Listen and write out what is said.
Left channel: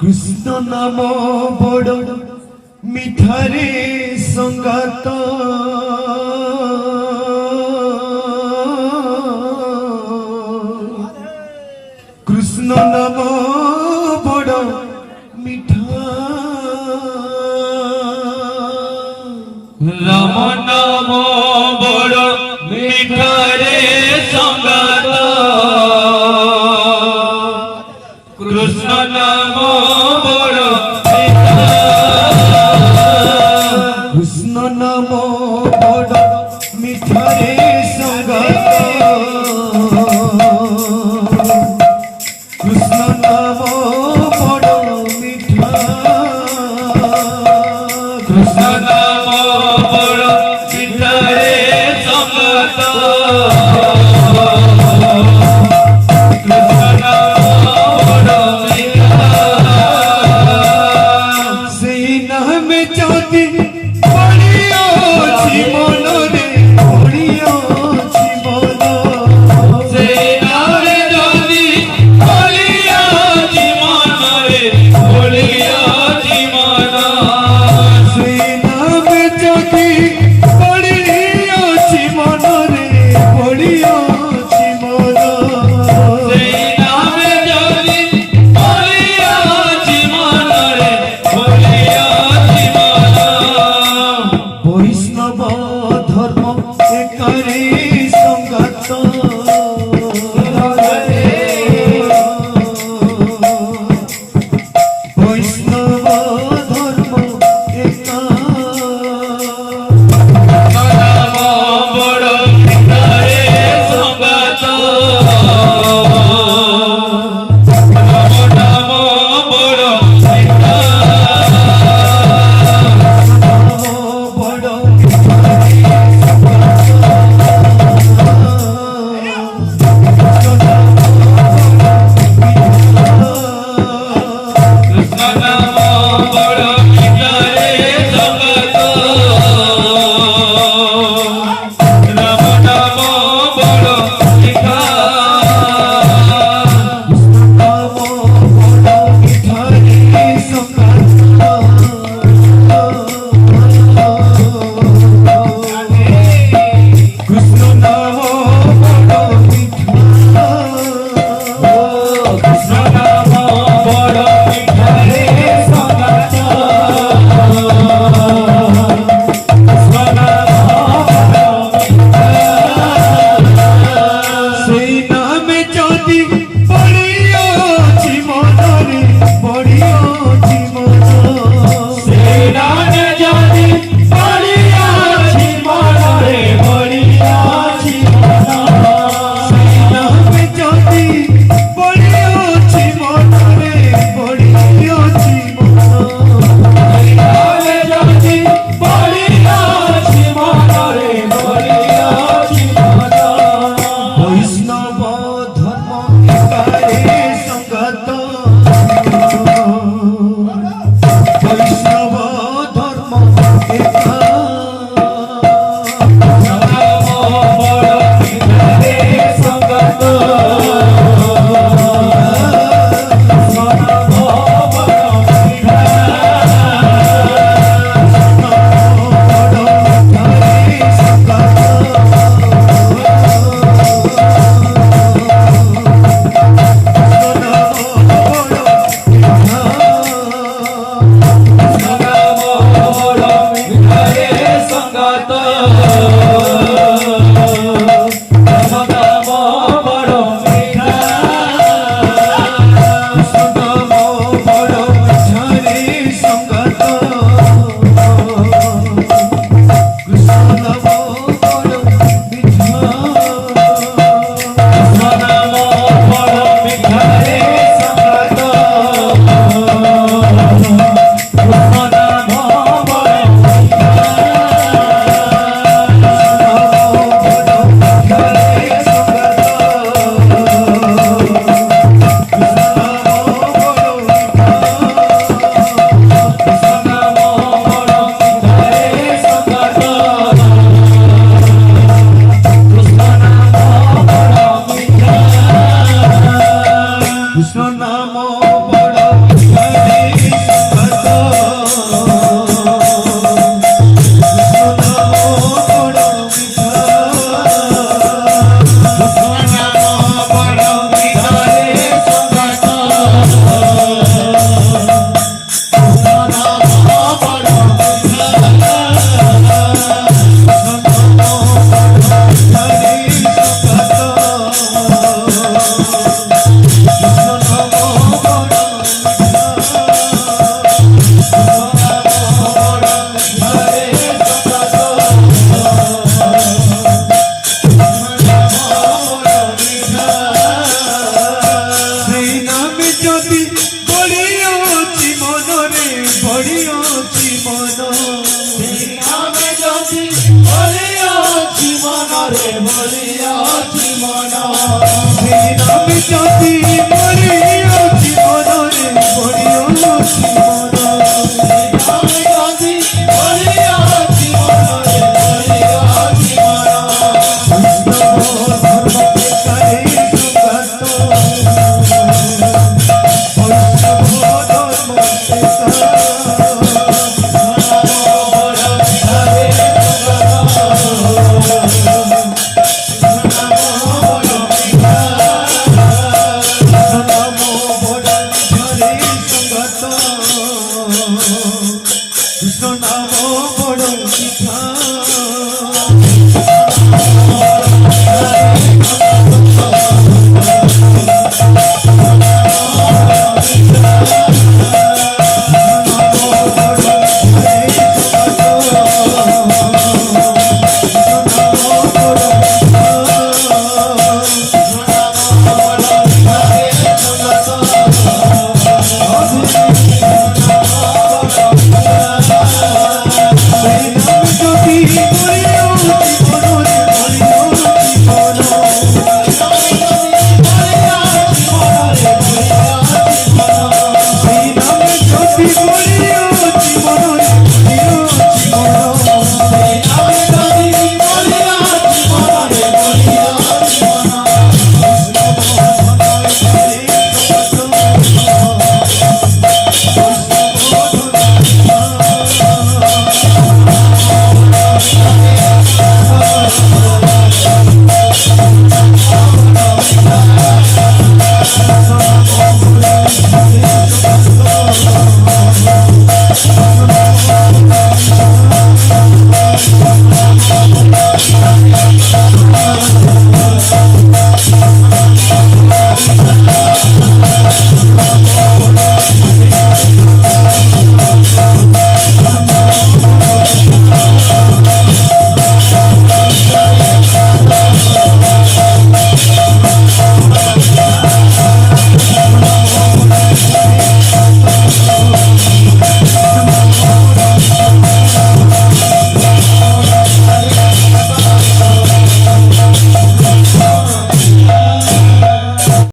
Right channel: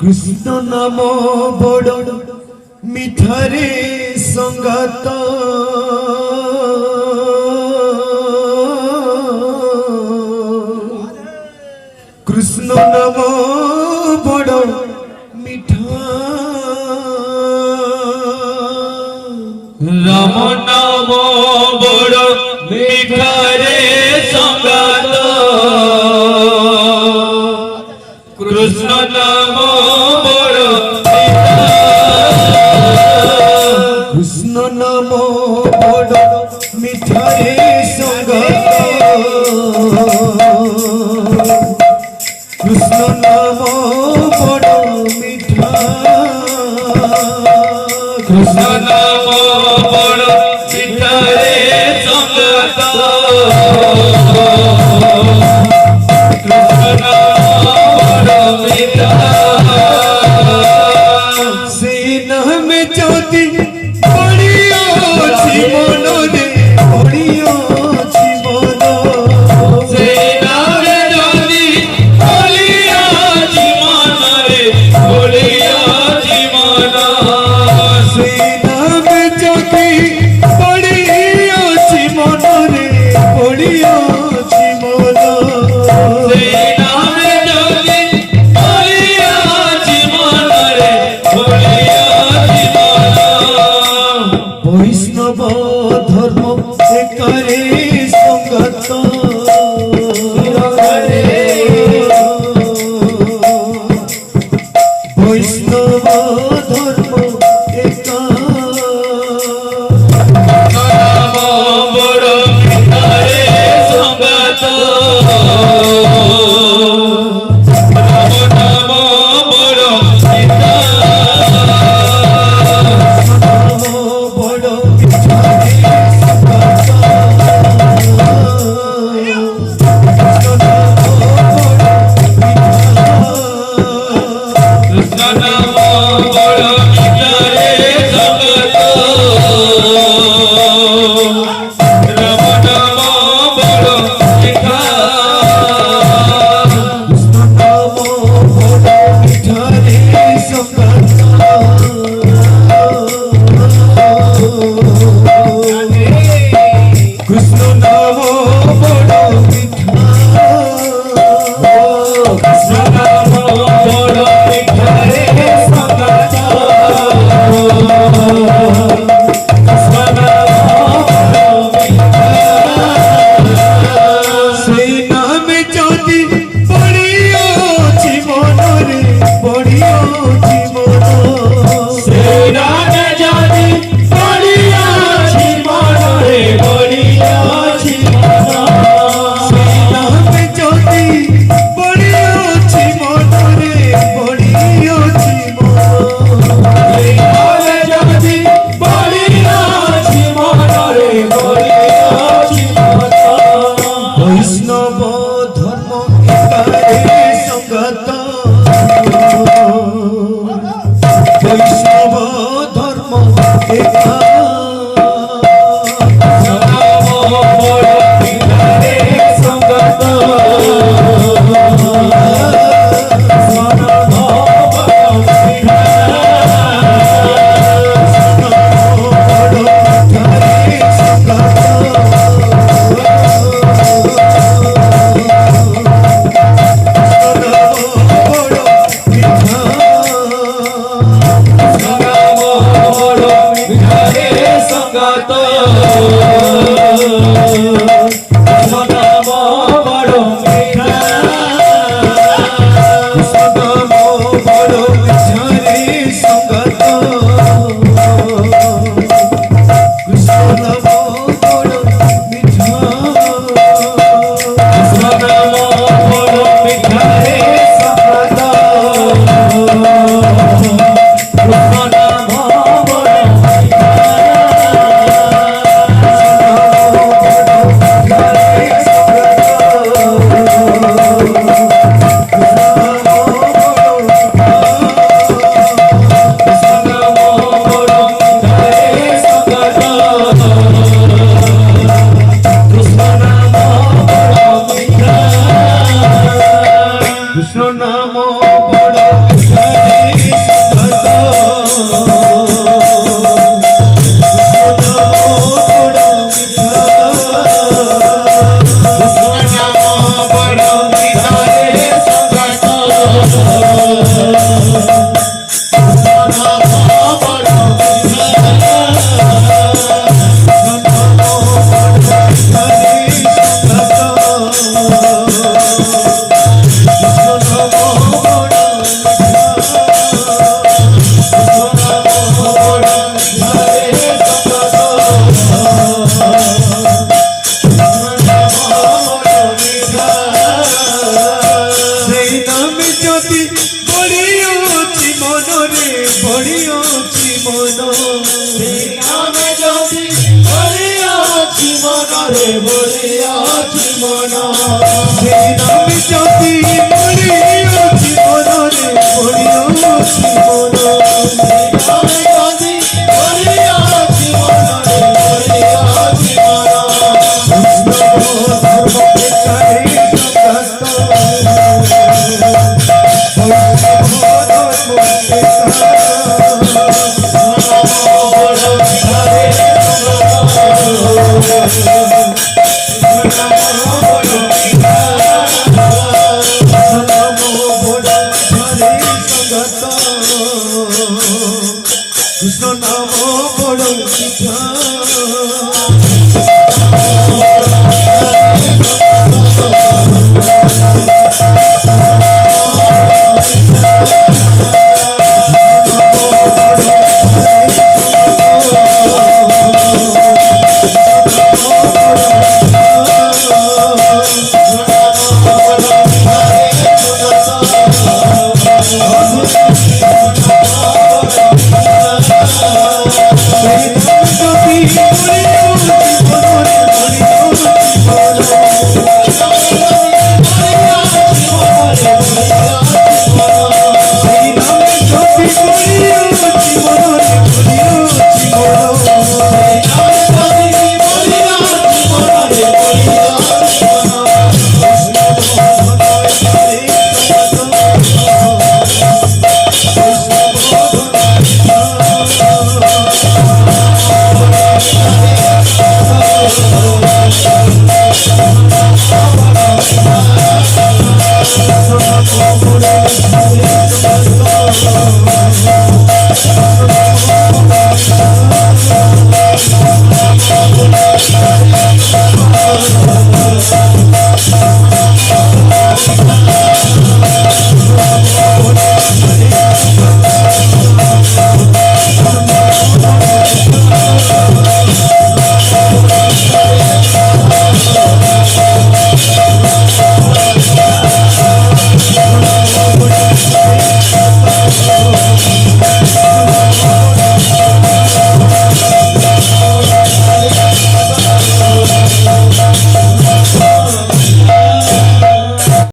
কৃষ্ণ নাম বড় মিঠারে সঙ্গত কৃষ্ণ নাম বড় মিঠা রাম নাম বড় মিঠারে সঙ্গত কৃষ্ণ নাম বড় মিঠা কৃষ্ণ নাম বড় মিঠারে সঙ্গত কৃষ্ণ নাম বড় মিঠা কৃষ্ণ নাম বড় মিঠারে সঙ্গত কৃষ্ণ নাম বড় মিঠা সেই নামে যদি পড়িয়াছি মনরে পড়িয়াছি মন সেই নামে যদি বলিয়াছি মনরে বলিয়াছি মন সেই নামে যদি পড়িয়াছি মনরে পড়িয়াছি মন সেই নামে যদি বলিয়াছি মনরে বলিয়াছি মন বৈষ্ণব ধর্ম একারে সঙ্গত বৈষ্ণব ধর্ম একা নাম বড় মিঠারে সঙ্গত নাম বড় মিঠা বড় কৃষ্ণ নাম মনরে পড়িয়াছি মন আমি যদি বলিয়াছি মনরে বলিয়াছি মন সেই নামে যদি পড়িয়াছি মনরে পড়িয়াছি মন আমি যদি বলিয়াছি মনরে বলিয়াছি মন কৃষ্ণ নাম